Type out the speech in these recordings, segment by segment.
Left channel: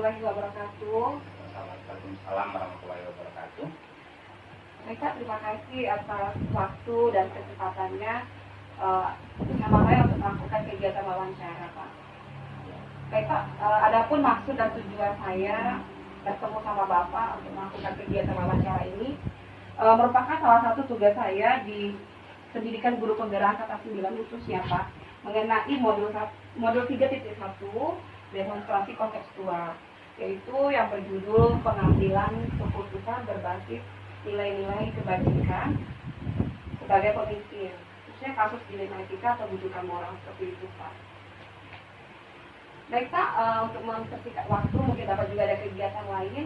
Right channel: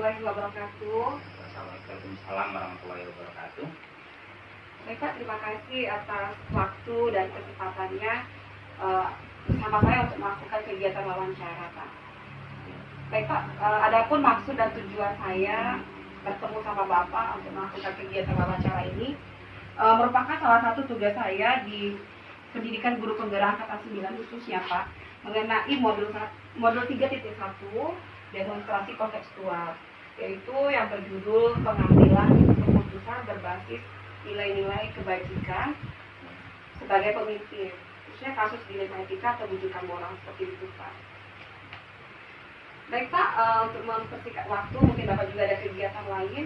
warahmatullahi wabarakatuh. Waalaikumsalam warahmatullahi wabarakatuh. Baik Pak, terima kasih atas waktu dan kesempatannya bersama saya untuk melakukan kegiatan wawancara Pak. Baik Pak, adapun maksud dan tujuan saya bertemu sama Bapak untuk melakukan kegiatan wawancara ini merupakan salah satu tugas saya di Pendidikan Guru Penggerak Angkatan 9 khususnya Pak, mengenai modul 3.1 demonstrasi kontekstual, yaitu yang berjudul pengambilan keputusan berbasis nilai-nilai kebajikan sebagai pemimpin, khususnya kasus dilema etika pendidikan moral seperti itu Pak. Baik Pak, untuk mempersingkat waktu, mungkin Bapak juga ada kegiatan lain,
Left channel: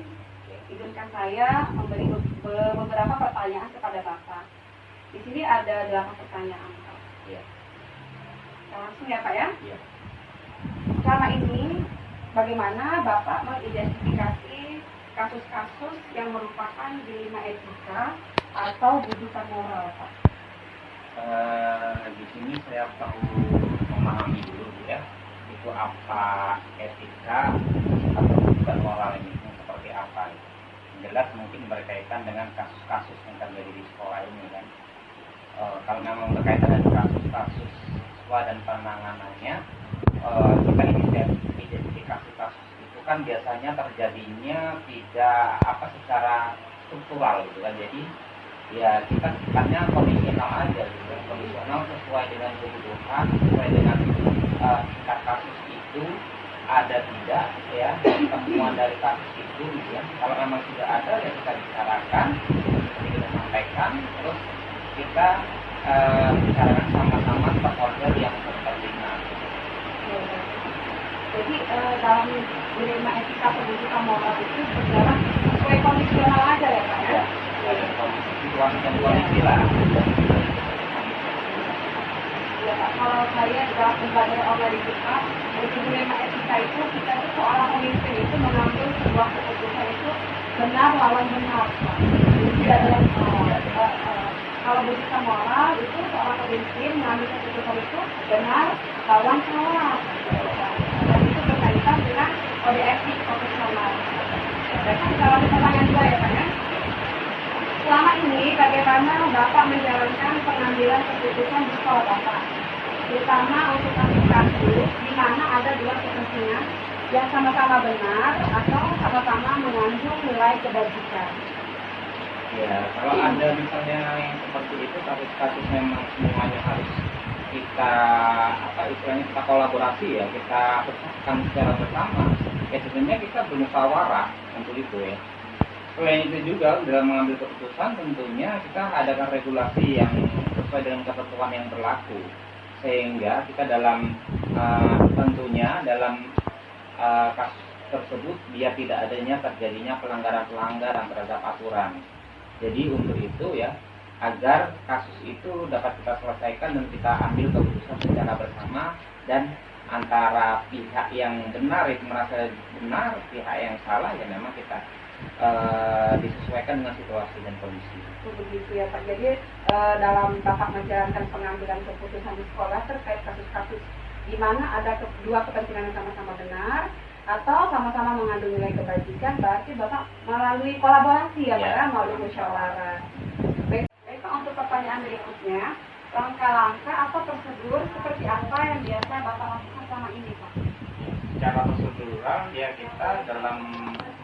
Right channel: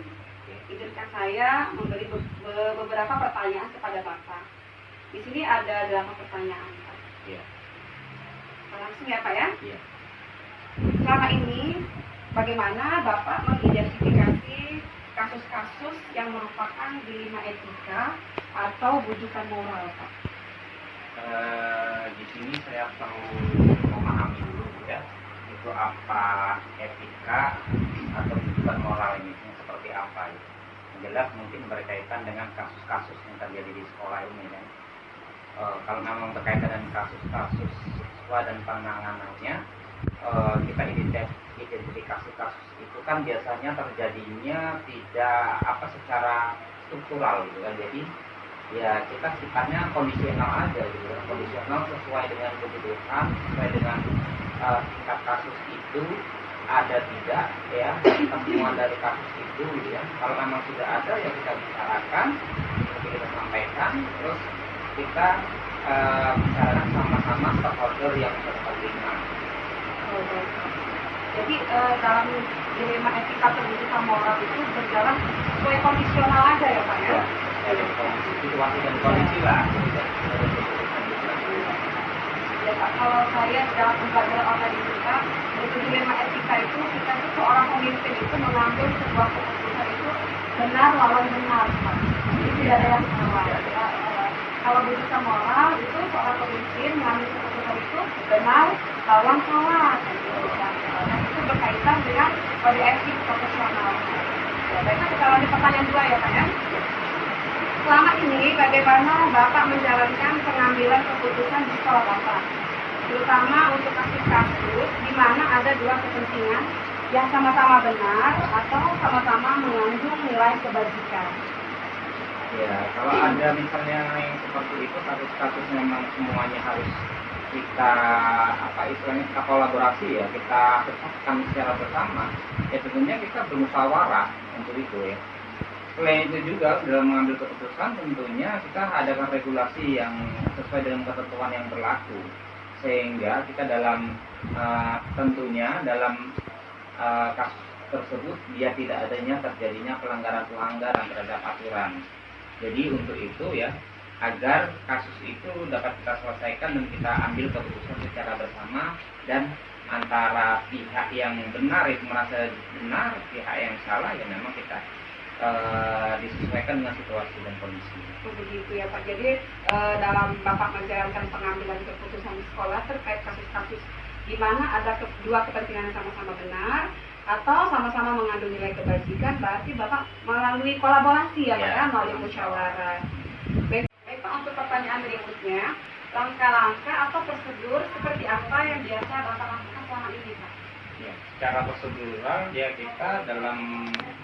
izinkan saya memberi beberapa pertanyaan kepada Bapak. Di sini ada 8 pertanyaan Pak. Iya. Langsung ya Pak ya. Iya. Selama ini bagaimana Bapak mengidentifikasi kasus-kasus yang merupakan dilema etika atau bujukan moral Pak? Di sini saya perlu memahami dulu ya, itu apa etika atau bujukan moral ini seperti apa ya. Jelas mungkin berkaitan dengan kasus-kasus yang terjadi di sekolah ini kan. Kalau memang berkaitan dengan kasus-kasus siswa dan penanganannya, kita identifikasi kasus itu kan biasanya terjadinya tidak secara struktural gitu kan. Jadi ya kita sifatnya kondisional aja gitu, kondisional sesuai dengan kebutuhan, sesuai dengan tingkat kasus itu ada tidak ya, temuan dari kasus itu gitu ya. Kalau memang sudah ada ya kita bicarakan, kita sampaikan, terus kita bicarakan sama-sama stakeholder yang berkepentingan. Jadi dalam dilema etika pendidikan moral itu berjalan sesuai kondisional aja ya Pak ya? Ada situasi dan kondisi lah. Ya Pak, kalau saya dalam pembelajaran online kita, dari dilema etika itu kita itu seorang pemimpin itu mengambil sebuah keputusan itu benar lawan benar Pak. Jadi tidak ada yang salah. Kalau bujukan moral itu seorang pemimpin mengambil keputusan itu benar lawan salah. Dan itu berkaitan dengan kode etik profesional. Ya, dan kita lanjut pertanyaan 2 ya Pak ya. Selama ini bagaimana Bapak menjalankan pengambilan keputusan di sekolah Bapak? Terutama untuk kasus-kasus di mana ada dua kepentingan yang sama-sama benar atau sama-sama mengandung nilai kebajikan. Ya, kalau ada misalnya yang seperti itu, kasus-kasus memang semuanya harus kita istilahnya kita kolaborasi ya, kita pecahkan secara bersama. Ya tentunya kita bermusyawarah untuk itu ya. Selain itu juga dalam mengambil keputusan tentunya kita adakan regulasi yang sesuai dengan ketentuan yang berlaku, sehingga kita dalam tentunya dalam kasus tersebut dia tidak adanya terjadinya pelanggaran-pelanggaran terhadap aturan. Jadi untuk itu ya, agar kasus itu dapat kita selesaikan dan kita ambil keputusan secara bersama, dan antara pihak yang benar itu merasa benar, pihak yang salah ya memang kita disesuaikan dengan situasi dan kondisi. Begitu ya Pak. Jadi dalam Bapak menjalankan pengambilan keputusan di sekolah terkait kasus-kasus di mana ada dua kepentingan yang sama-sama benar atau sama-sama mengandung nilai kebajikan, berarti Bapak melalui kolaborasi ya Pak ya, melalui musyawarah. Baik Pak, untuk pertanyaan berikutnya, langkah-langkah atau prosedur seperti apa yang biasa Bapak lakukan selama ini Pak? Ya, secara prosedural ya kita dalam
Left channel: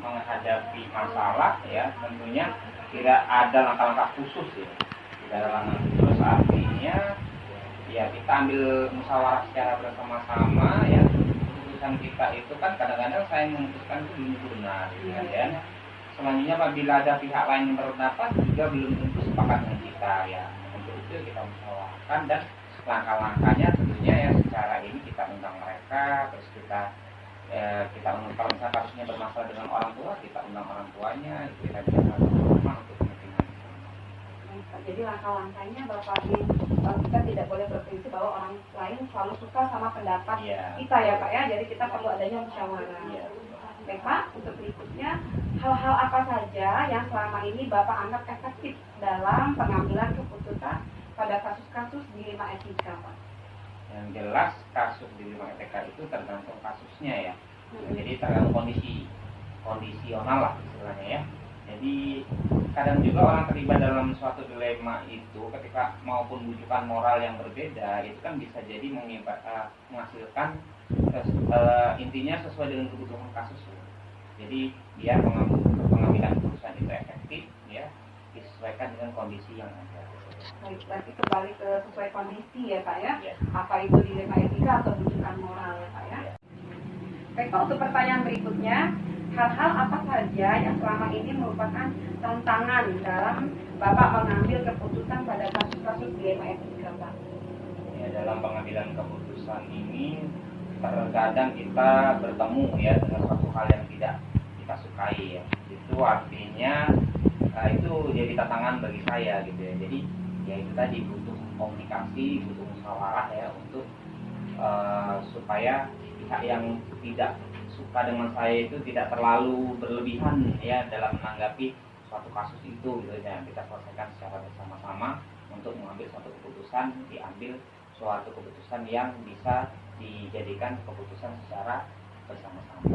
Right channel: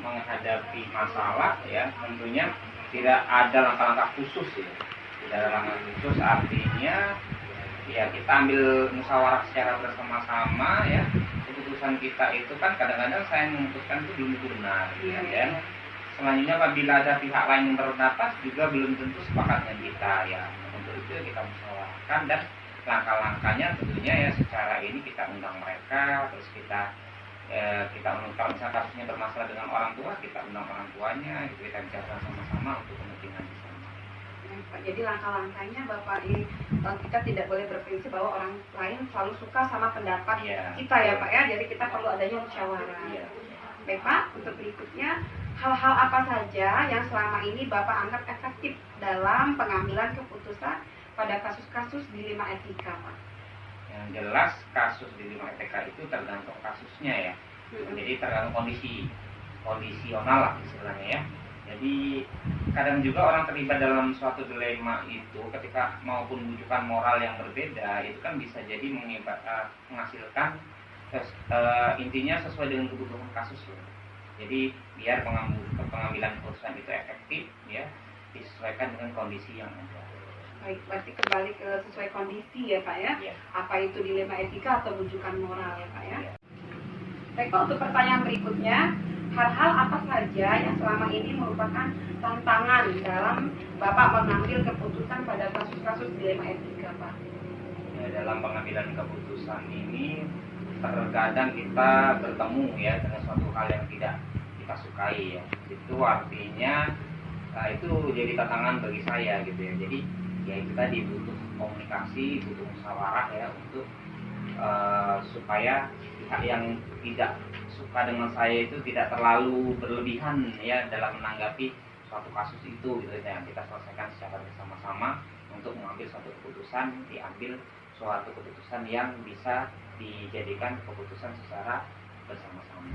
menghadapi masalah ya tentunya tidak ada langkah-langkah khusus ya. Tidak ada langkah khusus, artinya ya kita ambil musyawarah secara bersama-sama ya. Keputusan kita itu kan kadang-kadang saya memutuskan itu belum benar ya, dan selanjutnya apabila ada pihak lain yang berpendapat juga belum tentu sepakat dengan kita ya. Untuk itu kita musyawarahkan, dan langkah-langkahnya tentunya ya secara ini kita undang mereka, terus kita undang, misalnya kasusnya bermasalah dengan orang tua, kita undang orang tuanya, itu kita bicara sama-sama untuk kepentingan bersama. Pak, jadi langkah-langkahnya Bapak ini kita tidak boleh berprinsip bahwa orang lain selalu suka sama pendapat kita ya Pak ya, jadi kita perlu adanya musyawarah. Baik Pak, untuk berikutnya, hal-hal apa saja yang selama ini Bapak anggap efektif dalam pengambilan keputusan pada kasus-kasus dilema etika Pak? Yang jelas kasus dilema etika itu tergantung kasusnya ya. Jadi tergantung kondisional lah istilahnya ya. Jadi kadang juga orang terlibat dalam suatu dilema itu ketika maupun rujukan moral yang berbeda itu kan bisa jadi menghasilkan intinya sesuai dengan kebutuhan kasus ya. Jadi biar pengambilan keputusan itu efektif ya disesuaikan dengan kondisi yang ada. Baik, berarti kembali ke sesuai kondisi ya Pak ya. Ya. Apa itu dilema etika atau rujukan moral ya Pak ya. Ya. Baik Pak, untuk pertanyaan berikutnya, hal-hal apa saja yang selama ini merupakan tantangan dalam Bapak mengambil keputusan pada kasus-kasus dilema etika Pak? Ya, dalam pengambilan keputusan ini terkadang kita bertemu ya dengan suatu hal yang tidak kita sukai ya. Itu artinya itu jadi tantangan bagi saya gitu ya. Jadi ya itu tadi butuh komunikasi, butuh musyawarah ya untuk supaya pihak yang tidak suka dengan saya itu tidak terlalu berlebihan ya dalam menanggapi suatu kasus itu gitu ya. Kita selesaikan secara bersama-sama untuk mengambil suatu keputusan, diambil suatu keputusan yang bisa dijadikan keputusan secara bersama-sama.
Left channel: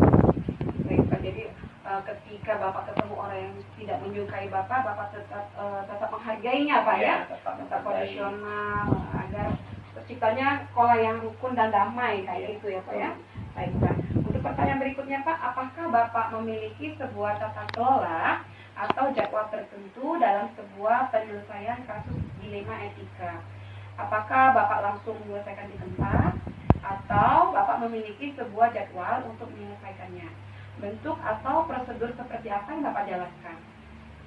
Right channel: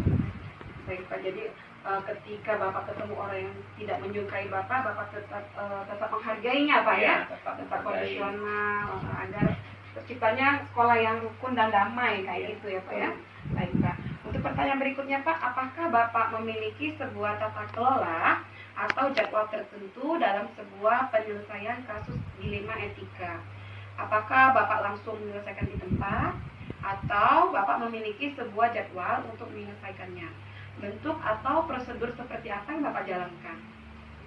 Baik Pak, jadi ketika Bapak ketemu orang yang tidak menyukai Bapak tetap menghargainya Pak ya, tetap kondisional agar terciptanya sekolah yang rukun dan damai kayak itu ya Pak ya. Baik Pak, untuk pertanyaan berikutnya Pak, apakah Bapak memiliki sebuah tata kelola atau jadwal tertentu dalam sebuah penyelesaian kasus dilema etika? Apakah Bapak langsung menyelesaikan di tempat atau Bapak memiliki sebuah jadwal untuk menyelesaikannya? Bentuk atau prosedur seperti apa yang Bapak jalankan?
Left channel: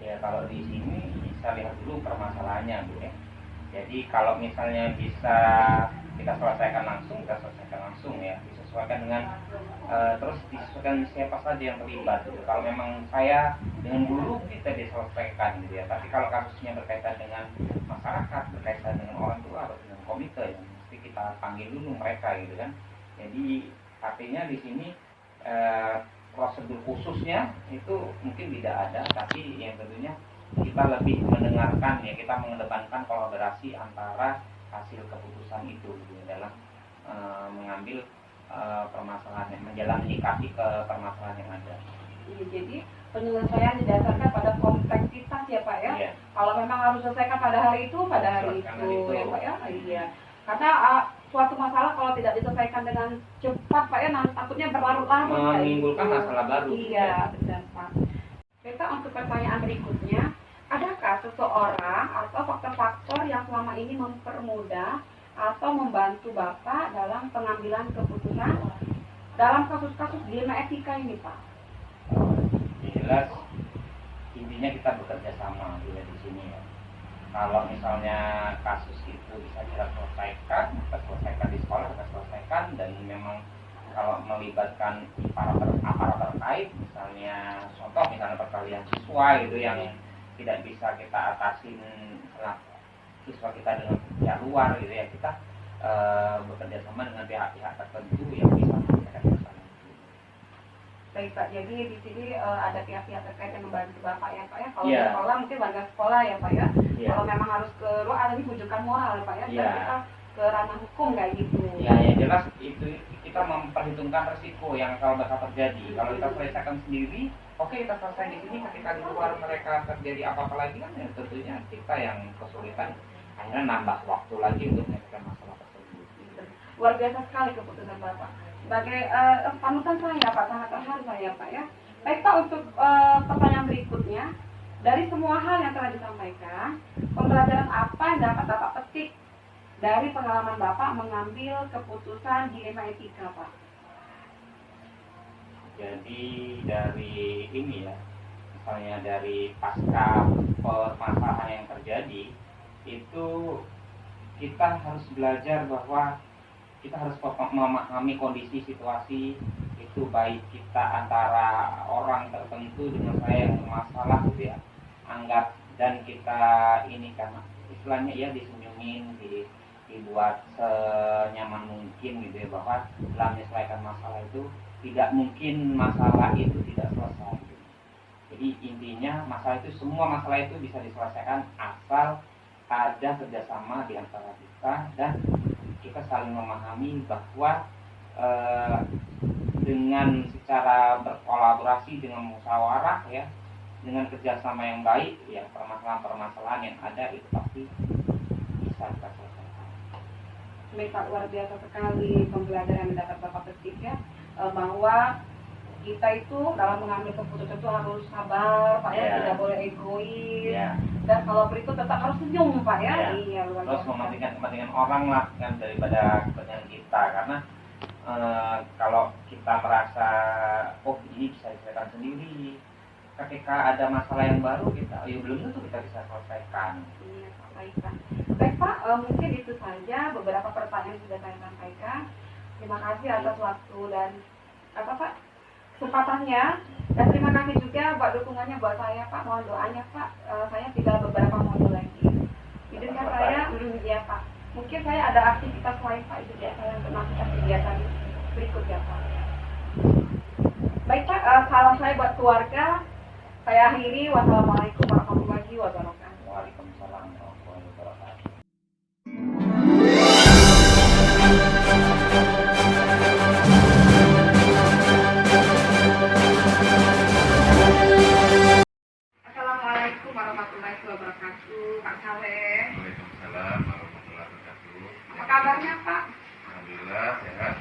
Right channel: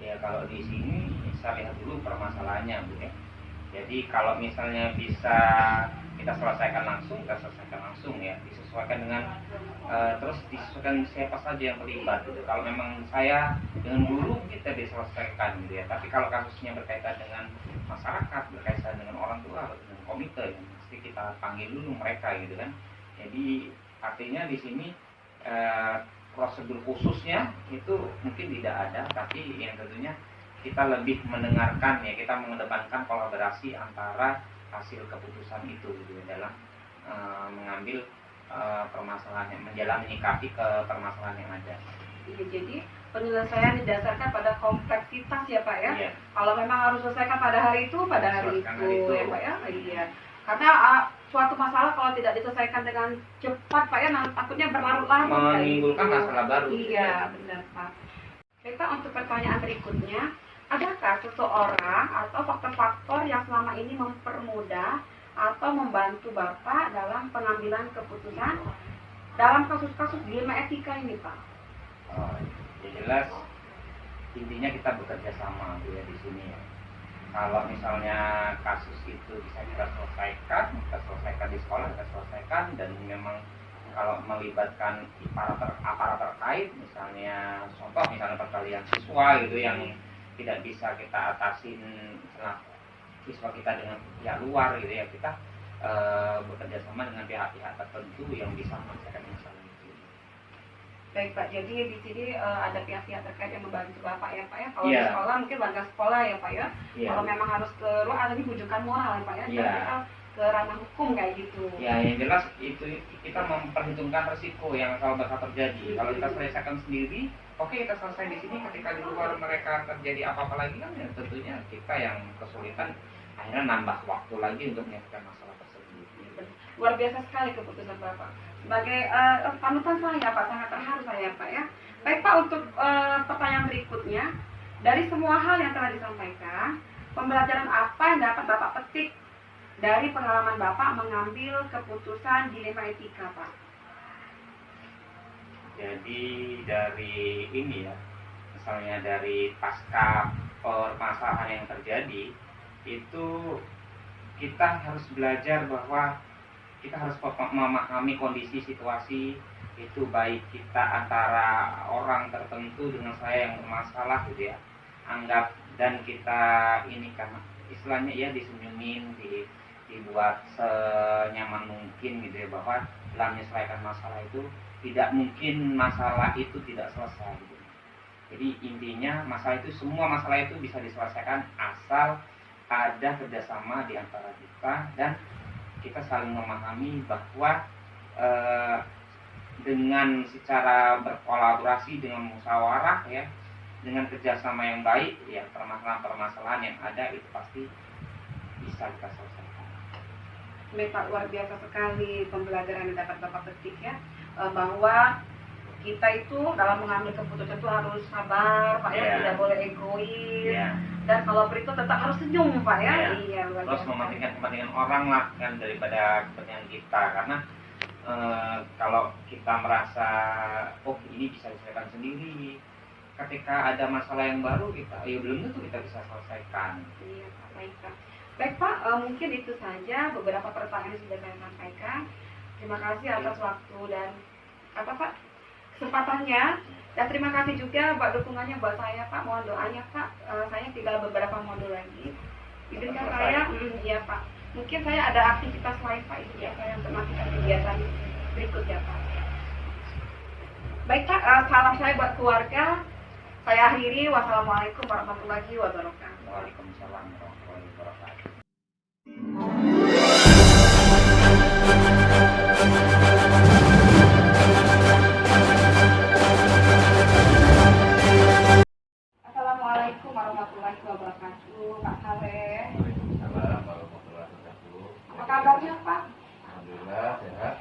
Ya kalau di sini saya lihat dulu permasalahannya Bu ya. Jadi kalau misalnya bisa kita selesaikan langsung, kita selesaikan langsung ya, disesuaikan dengan terus disesuaikan siapa saja yang terlibat gitu. Kalau memang saya dengan guru kita diselesaikan gitu ya. Tapi kalau kasusnya berkaitan dengan masyarakat, berkaitan dengan orang tua atau dengan komite ya, mesti kita panggil dulu mereka gitu kan. Jadi artinya di sini prosedur khususnya itu mungkin tidak ada, tapi yang tentunya kita lebih mendengarkan ya, kita mengedepankan kolaborasi antara hasil keputusan itu gitu ya, dalam mengambil permasalahan yang menyikapi ke permasalahan yang ada. Iya, jadi penyelesaian didasarkan pada kompleksitas ya Pak ya. Iya. Kalau memang harus selesaikan pada hari itu ya Pak ya. Iya. Karena suatu masalah kalau tidak diselesaikan dengan cepat Pak ya, takutnya berlarut-larut menimbulkan masalah baru. Iya, benar Pak. Baik Pak, untuk pertanyaan berikutnya, adakah seseorang atau faktor-faktor yang selama ini mempermudah atau membantu Bapak dalam pengambilan keputusan dalam kasus-kasus dilema etika ini Pak? Ya jelas intinya kita bekerja sama ya di sini ya. Kalau misalnya kasus itu bisa kita selesaikan di sekolah, kita selesaikan, dan memang kalau melibatkan aparat terkait, misalnya contoh misalnya perkelahian siswa gitu yang tidak bisa kita atasin siswa kita dengan pihak luar gitu ya, kita bekerja sama dengan pihak-pihak tertentu yang bisa menyelesaikan masalah itu. Baik Pak, jadi di sini ada pihak-pihak terkait yang membantu Bapak ya Pak ya. Kalau Yeah. di sekolah mungkin warga sekolah ya Pak ya. Yeah. Kalau memang harus ke luar, ada rujukan moral ya Pak ya. Yeah. Kita ke ranah hukum kayak gitu. Ya, yang jelas itu kita memperhitungkan resiko yang kalau bakal terjadi. Kalau kita selesaikan sendiri, oke kita selesai di sini. Ketika di luar mereka terjadi apa-apa lagi kan, ya tentunya kita yang kesulitan, akhirnya nambah waktu lagi untuk menyelesaikan masalah tersebut. Luar biasa sekali keputusan Bapak. Sebagai panutan saya Pak, sangat terharu saya Pak ya. Baik Pak, untuk pertanyaan berikutnya, dari semua hal yang telah disampaikan, pembelajaran apa yang dapat Bapak petik dari pengalaman Bapak mengambil keputusan dilema etika Pak? Jadi dari ini ya, misalnya dari pasca permasalahan yang terjadi, itu kita harus belajar bahwa kita harus memahami kondisi situasi itu, baik kita antara orang tertentu dengan saya yang bermasalah gitu ya, anggap dan kita ini karena istilahnya ya disenyumin, dibuat senyaman mungkin gitu ya, bahwa dalam menyelesaikan masalah itu tidak mungkin masalah itu tidak selesai gitu. Jadi intinya semua masalah itu bisa diselesaikan asal ada kerjasama di antara kita dan kita saling memahami bahwa dengan secara berkolaborasi dengan musyawarah ya, dengan kerjasama yang baik ya, permasalahan-permasalahan yang ada itu pasti bisa kita selesaikan. Baik Pak, luar biasa sekali pembelajaran yang dapat Bapak petik ya, bahwa kita itu dalam mengambil keputusan itu harus sabar Pak ya, tidak boleh egois, dan kalau berikut tetap harus senyum Pak ya. Iya, luar biasa. Terus mementingkan kepentingan orang lah kan daripada kepentingan kita, karena kalau kita merasa oh ini bisa diselesaikan sendiri, ketika ada masalah yang baru kita belum tentu kita bisa selesaikan. Iya Pak, baik Pak. Baik Pak, mungkin itu saja beberapa pertanyaan yang sudah saya sampaikan. Terima kasih atas waktu dan kesempatannya, dan terima kasih juga buat dukungannya buat saya Pak. Mohon doanya Pak, saya tinggal beberapa modul lagi. Izinkan saya, ya Pak. Mungkin saya ada aktivitas lain Pak, itu ya saya untuk melakukan kegiatan berikutnya Pak. Baik Pak, salam saya buat keluarga. Saya akhiri. Wassalamualaikum warahmatullahi wabarakatuh. Waalaikumsalam warahmatullahi wabarakatuh. Assalamualaikum warahmatullahi wabarakatuh. Pak Saleh. Waalaikumsalam warahmatullahi wabarakatuh. Apa kabarnya Pak? Alhamdulillah sehat.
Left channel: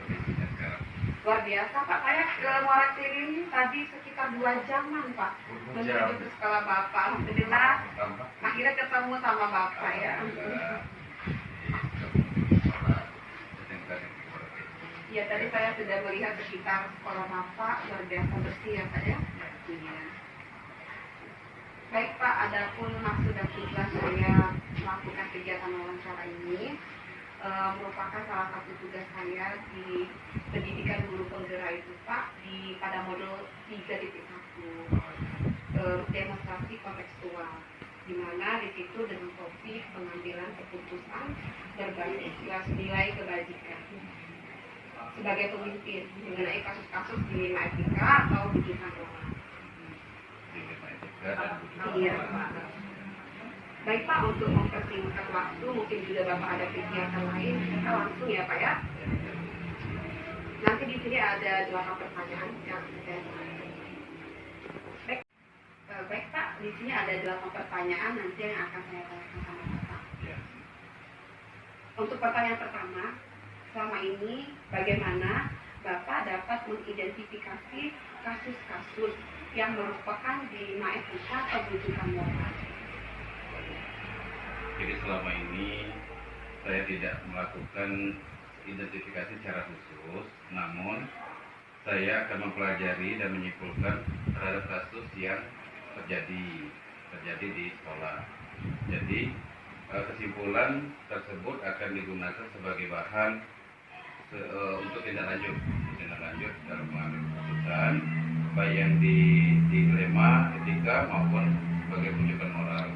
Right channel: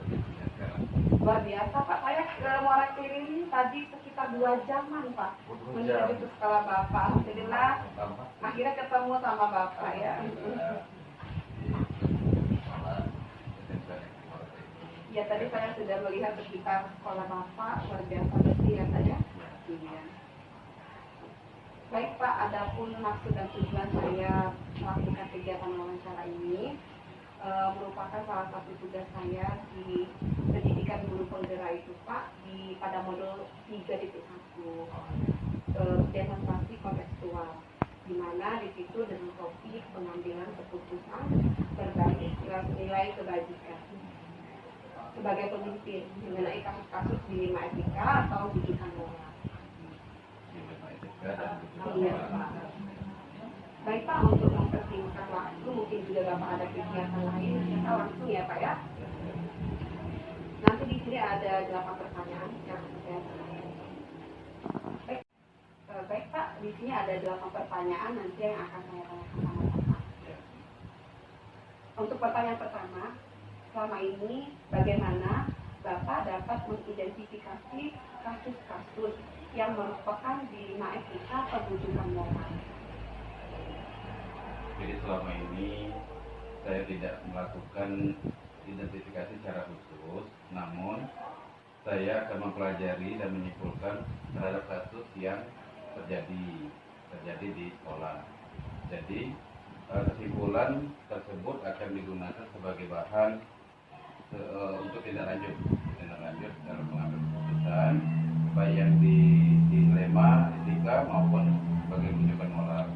Kondisinya sekarang. Luar biasa Pak, saya ke Muara Klinik tadi sekitar 2 jaman Pak menuju ke sekolah Bapak. Alhamdulillah akhirnya ketemu sama Bapak ya. Ya tadi saya sudah melihat sekitar sekolah Bapak, luar biasa bersih ya Pak ya. Iya. Baik Pak, adapun maksud dan tujuan saya melakukan kegiatan wawancara ini merupakan salah satu tugas saya di pendidikan guru penggerak itu Pak, pada modul 3.1 demonstrasi kontekstual, di mana di situ dengan topik pengambilan keputusan berbasis nilai kebajikan sebagai pemimpin mengenai kasus-kasus dilema etika atau bidikan moral. Iya Pak. Baik Pak, untuk mempersingkat waktu, mungkin juga Bapak ada kegiatan lain, kita langsung ya Pak ya. Nanti di sini ada 8 pertanyaan yang saya baik Pak, di sini ada 8 pertanyaan nanti yang akan saya tanyakan sama Bapak. Untuk pertanyaan pertama, selama ini bagaimana Bapak dapat mengidentifikasi kasus-kasus yang merupakan dilema etika atau bidikan moral? Jadi selama ini saya tidak melakukan identifikasi secara khusus, namun saya akan mempelajari dan menyimpulkan terhadap kasus yang terjadi di sekolah. Jadi kesimpulan tersebut akan digunakan sebagai bahan untuk tindak lanjut dalam mengambil keputusan, baik yang di dilema etika maupun sebagai rujukan moral.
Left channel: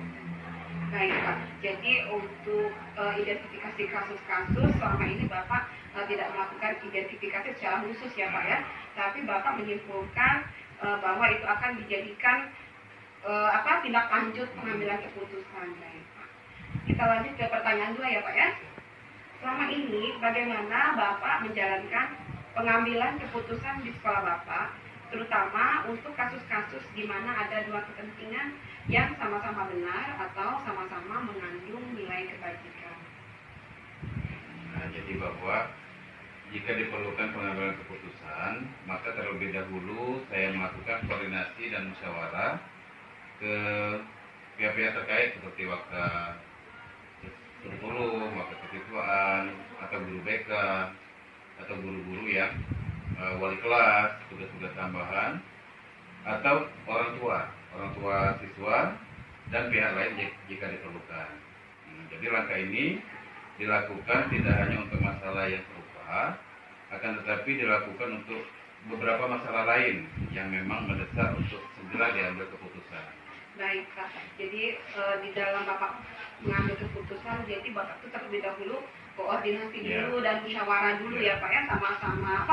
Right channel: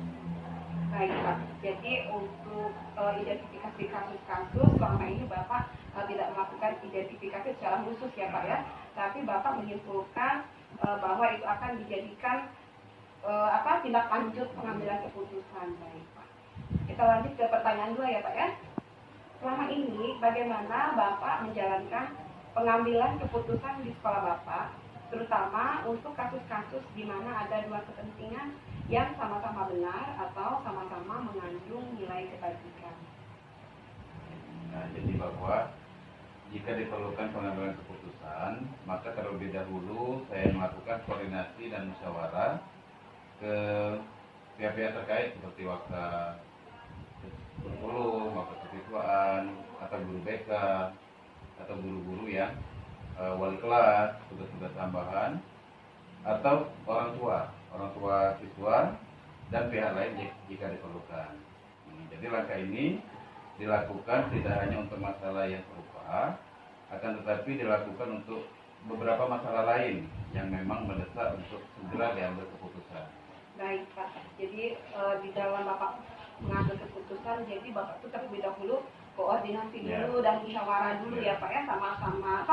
Baik Pak, jadi untuk identifikasi kasus-kasus selama ini Bapak tidak melakukan identifikasi secara khusus ya Pak ya, tapi Bapak menyimpulkan bahwa itu akan dijadikan tindak lanjut pengambilan keputusan. Baik Pak, kita lanjut ke pertanyaan 2 ya Pak ya. Selama ini bagaimana Bapak menjalankan pengambilan keputusan di sekolah Bapak, terutama untuk kasus-kasus di mana ada dua kepentingan yang sama-sama benar atau sama-sama mengandung nilai kebajikan. Nah, jadi bahwa jika diperlukan pengambilan keputusan, maka terlebih dahulu saya melakukan koordinasi dan musyawarah ke pihak-pihak terkait seperti wakil guru, wakil kesiswaan, atau guru BK, atau guru-guru yang wali kelas, tugas-tugas tambahan, atau orang tua siswa, dan pihak lain jika diperlukan. Jadi langkah ini dilakukan tidak hanya untuk masalah yang serupa, akan tetapi dilakukan untuk beberapa masalah lain yang memang mendesak untuk segera diambil keputusan. Baik Pak, jadi di dalam Bapak mengambil keputusan, jadi Bapak itu terlebih dahulu koordinasi dulu dan musyawarah dulu ya Pak ya, sama-sama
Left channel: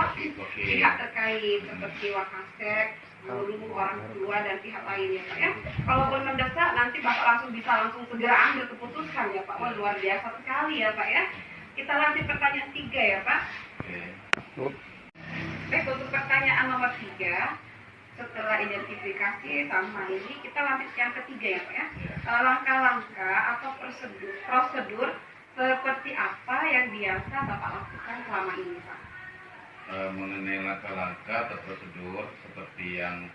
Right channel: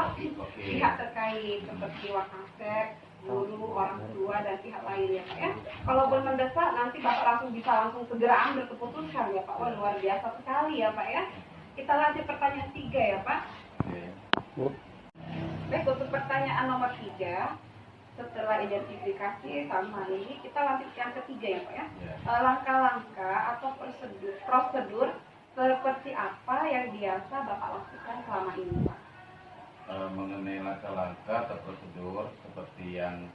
pihak terkait seperti Wakasek, guru, orang tua, dan pihak lain ya Pak ya. Kalau belum mendesak, nanti Bapak bisa segera ambil keputusan ya Pak. Wah, luar biasa sekali ya Pak ya. Kita lanjut pertanyaan 3 ya Pak. Baik, untuk ketiga, setelah identifikasi sama ini, kita lanjut yang ketiga ya Pak ya. Ya. Langkah-langkah atau prosedur seperti apa yang biasa Bapak lakukan selama ini Pak? Mengenai langkah-langkah atau prosedur seperti yang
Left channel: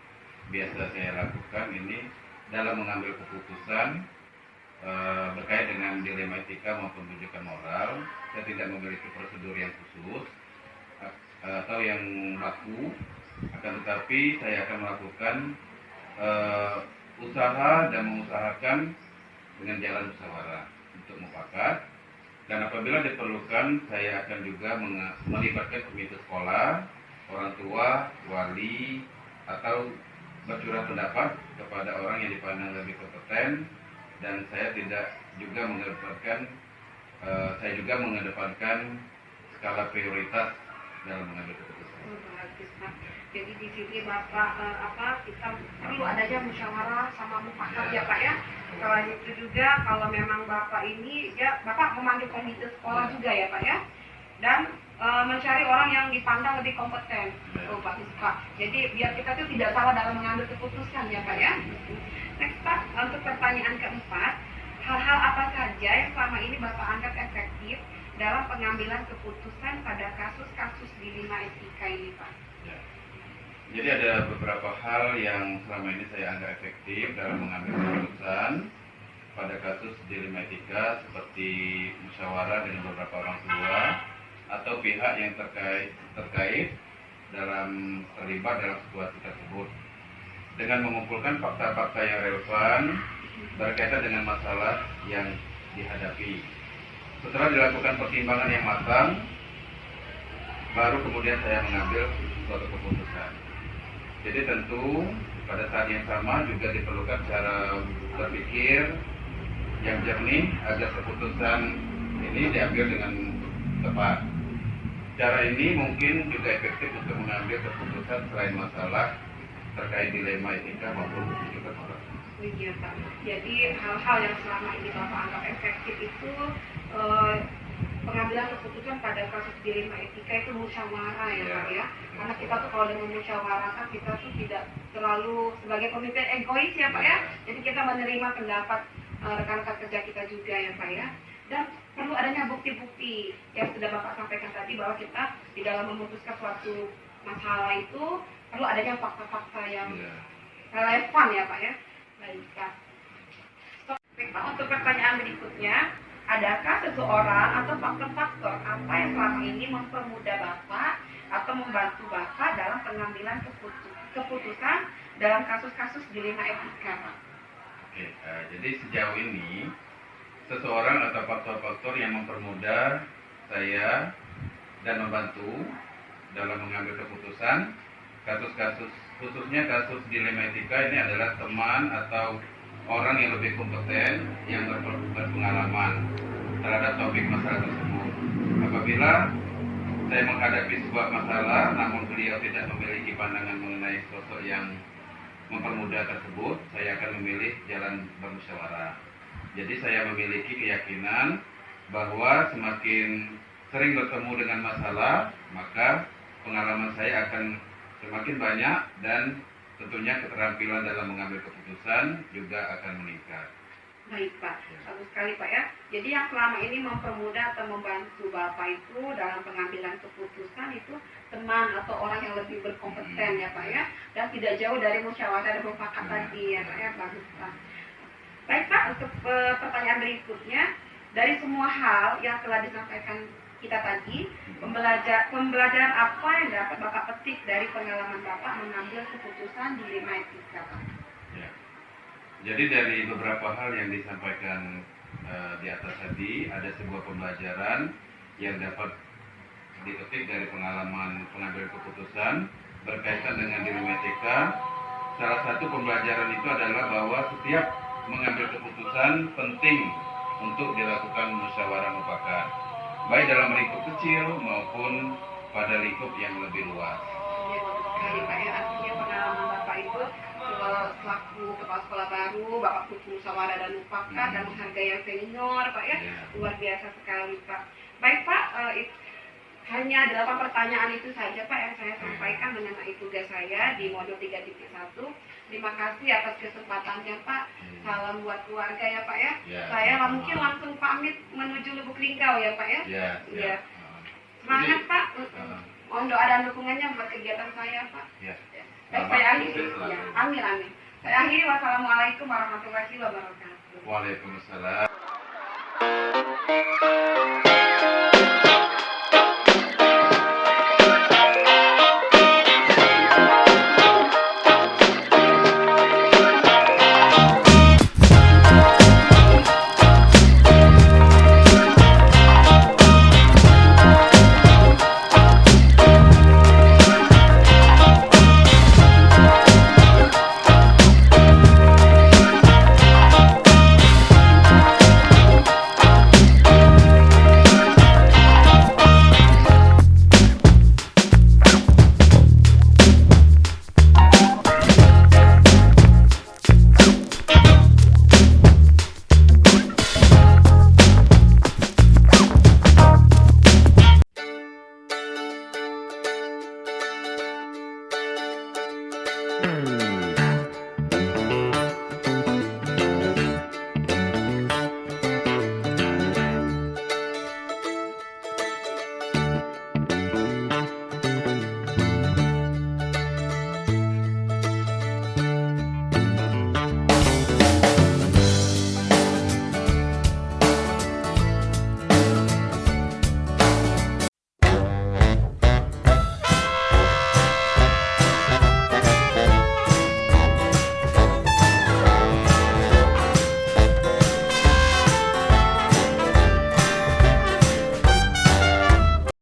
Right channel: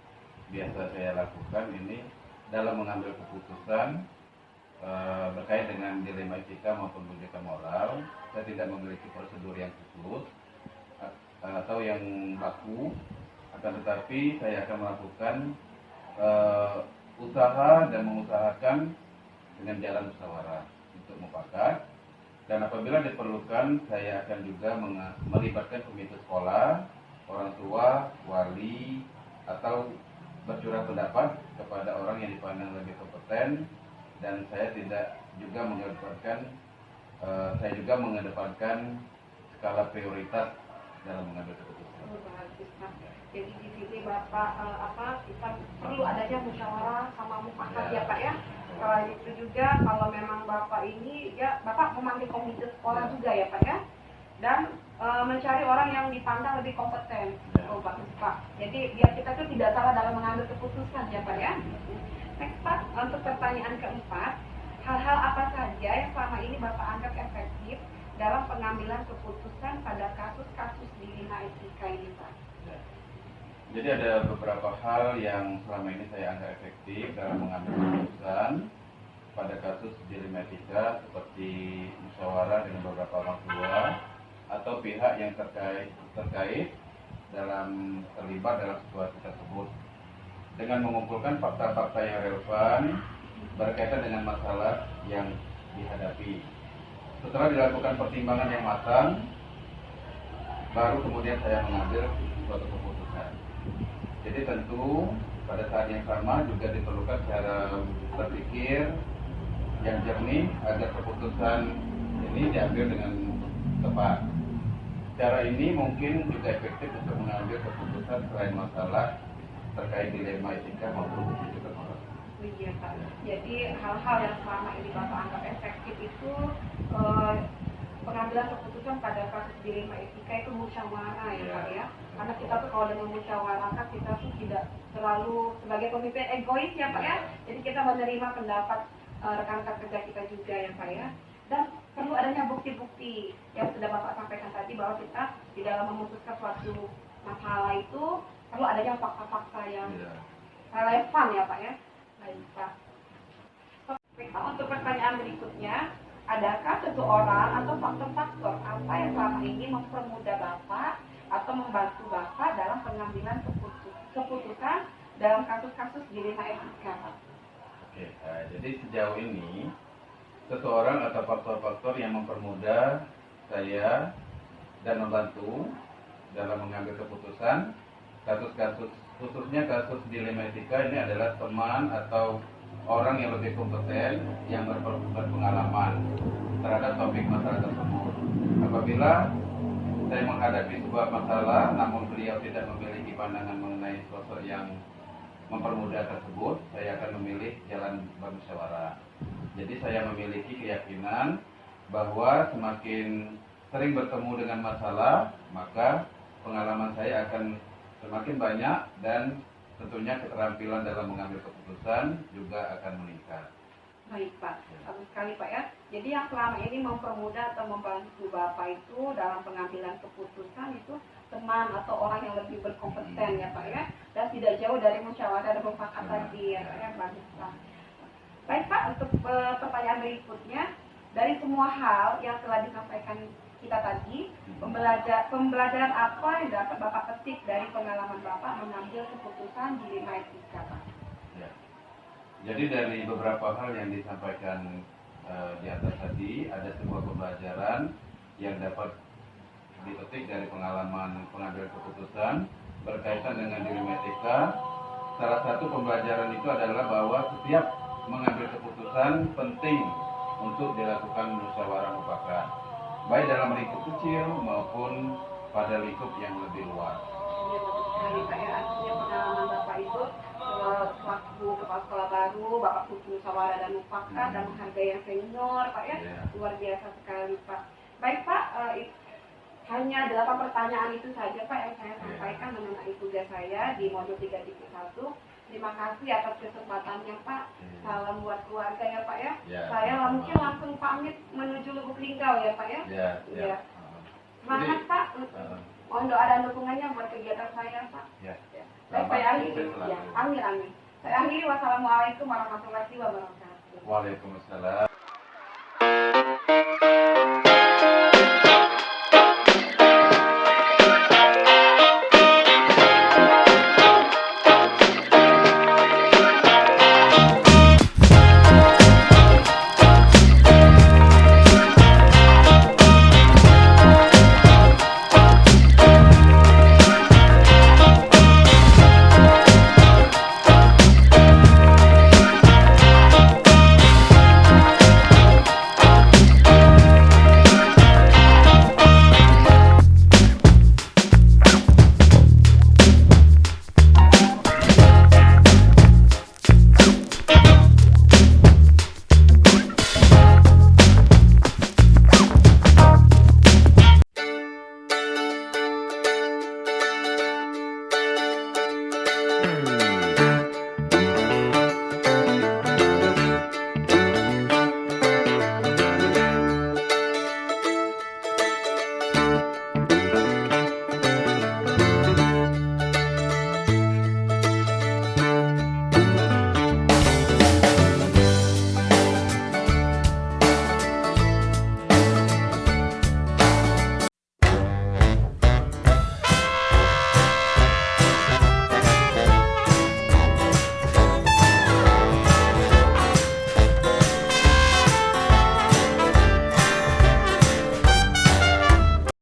biasa saya lakukan ini dalam mengambil keputusan berkait dengan dilema etika maupun rujukan moral, saya tidak memiliki prosedur yang khusus atau yang baku, akan tetapi saya akan melakukan usaha dan mengusahakan dengan jalan musyawarah untuk mufakat. Dan apabila diperlukan, saya akan juga melibatkan komite sekolah, orang tua, wali, atau bercurah pendapat kepada orang yang dipandang lebih kompeten. Dan saya tidak juga mengedepankan skala prioritas dalam mengambil keputusan. Bagus Pak. Jadi di sini Bapak kita perlu adanya musyawarah sama mufakat ya Pak ya. Kalau itu juga kalau memang Bapak ini ya Bapak memanggil komite sekolah juga ya Pak ya. Dan mencari orang yang dipandang lebih kompeten. Oh bagus Pak. Jadi biar kita tuh tidak salah dalam mengambil keputusan ya Pak ya. Next Pak, untuk pertanyaan keempat, hal-hal apa saja yang selama ini Bapak anggap efektif dalam pengambilan keputusan pada kasus-kasus dilema etika ini Pak? Ya. Jadi ada beberapa hal yang selama ini saya anggap efektif dalam mengambil keputusan pada kasus dilema etika, seperti musyawarah dengan beberapa orang tua atau pihak yang terkait dalam terlibat dalam situasi tersebut, dengan mengumpulkan fakta-fakta yang relevan berkaitan dengan masalah yang dihadapi. Setelah dilakukan pertimbangan yang matang, baru kemudian saya mengambil suatu keputusan. Jadi tentu pada saat yang sama juga diperlukan cara berpikir yang jernih agar keputusan ini diambil dengan tepat. Cara ini mungkin juga efektif untuk mengambil keputusan selain masalah terkait dilema etika maupun rujukan moral. Iya Pak. Jadi hal-hal yang selama ini Bapak anggap efektif itu pengambilan keputusan pada kasus dilema etika itu musyawarah ya Pak ya. Karena kita tuh kalau dengan musyawarah kan kita tuh tidak terlalu sebagai pemimpin egois ya Pak ya. Jadi kita menerima pendapat rekan-rekan kerja kita juga ya Pak ya. Dan perlu adanya bukti-bukti yang sudah Bapak sampaikan tadi bahwa kita di dalam memutuskan suatu masalah itu perlu adanya fakta-fakta yang relevan ya Pak ya. Baik Pak. Baik Pak, untuk pertanyaan berikutnya, adakah seseorang atau faktor-faktor apa yang selama ini mempermudah Bapak atau membantu Bapak dalam pengambilan keputusan dalam kasus-kasus dilema etika Pak? Oke, jadi sejauh ini seseorang atau faktor-faktor yang mempermudah saya dan membantu dalam mengambil keputusan kasus-kasus, khususnya kasus dilema etika, ini adalah teman atau orang yang lebih kompeten yang berpengalaman terhadap topik masalah tersebut. Apabila saya menghadapi sebuah masalah namun beliau tidak memiliki pandangan mengenai sosok yang mempermudah tersebut, saya akan memilih jalan bermusyawarah. Jadi saya memiliki keyakinan bahwa semakin sering bertemu dengan masalah, maka pengalaman saya akan semakin banyak dan tentunya keterampilan dalam mengambil keputusan juga akan meningkat. Baik Pak, bagus sekali Pak ya. Jadi yang selama ini mempermudah atau membantu Bapak itu dalam pengambilan keputusan itu teman atau orang yang lebih berkompeten ya Pak ya. Dan tidak jauh dari musyawarah dan mufakat tadi ya Pak ya. Bagus Pak. Baik Pak, untuk pertanyaan berikutnya, dari semua hal yang telah disampaikan kita tadi, pembelajaran apa yang dapat Bapak petik dari pengalaman Bapak mengambil keputusan dilema etika Pak? Ya. Jadi dari beberapa hal yang disampaikan di atas tadi, ada sebuah pembelajaran yang dapat dipetik dari pengalaman pengambil keputusan berkaitan dengan dilema etika. Salah satu pembelajaran itu adalah bahwa setiap mengambil keputusan penting untuk dilakukan musyawarah mufakat, baik dalam lingkup kecil maupun pada lingkup yang lebih luas. Ya, bagus sekali Pak ya. Artinya pengalaman Bapak itu selaku kepala sekolah baru, Bapak butuh musyawarah dan mufakat dan menghargai yang senior Pak ya. Luar biasa sekali Pak. Baik Pak, hanya 8 pertanyaan itu saja Pak yang saya sampaikan mengenai menghormati tugas saya di modul 3.1. Terima kasih atas kesempatannya Pak. Salam buat keluarga ya Pak ya. Ya, Saya sama-sama. mungkin langsung pamit menuju Lubuk Linggau ya Pak ya. Ya, Iya. ya. Semangat Jadi, Pak. Mohon doa dan dukungannya buat kegiatan saya Pak. Ya. Baik, Selamat saya akhiri. sukses selalu. Ya, amin amin. Saya akhiri. Wassalamualaikum warahmatullahi wabarakatuh. Waalaikumsalam.